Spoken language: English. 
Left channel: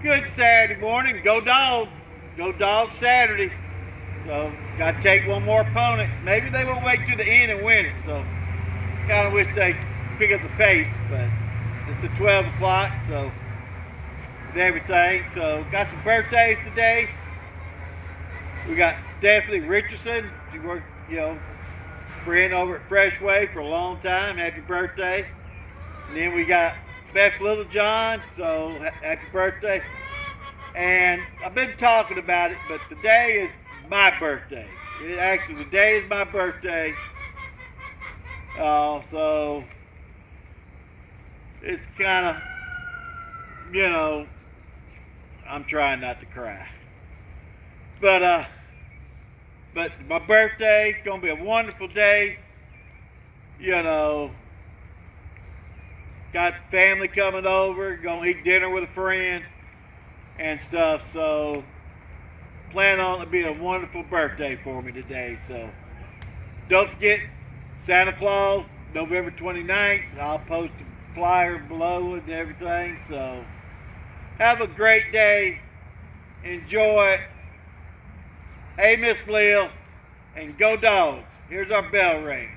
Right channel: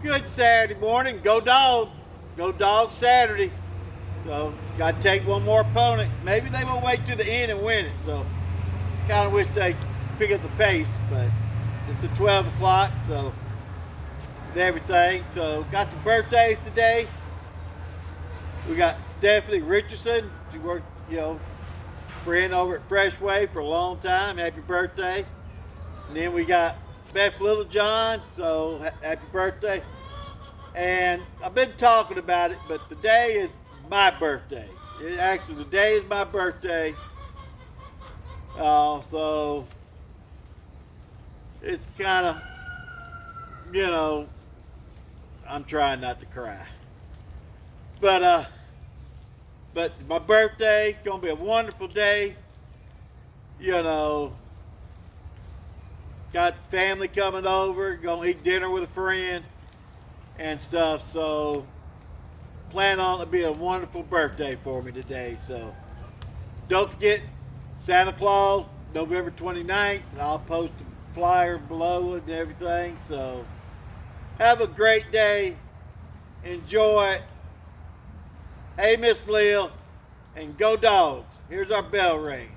Good Saturday morning. Go Dog. Go Dog Saturday. So, got to take one more opponent. Maybe they won't wait to the end and win it. So, kind of wish they pick up the pace. But it's at 12 o'clock, so, with everything. So, got some birthdays today. We got Stephanie Richardson. She worked, friend over at Freshway for a long time. Happy birthday. And then we got Beth Littlejohn, so happy birthday. And I've been talking about it, but today is my birthday. Today is my birthday. So it's kind of, I'm trying not to cry. But my birthday, gonna be a wonderful day. Got family coming over, gonna eat dinner with a friend and stuff. So plan on it to be a wonderful birthday for me today. So don't forget Santa Claus, November 29th. I'll post a flyer below it and everything. So have a great day. Enjoy. Hey, Miss Lil, and go Dogs. Here's our bell ring.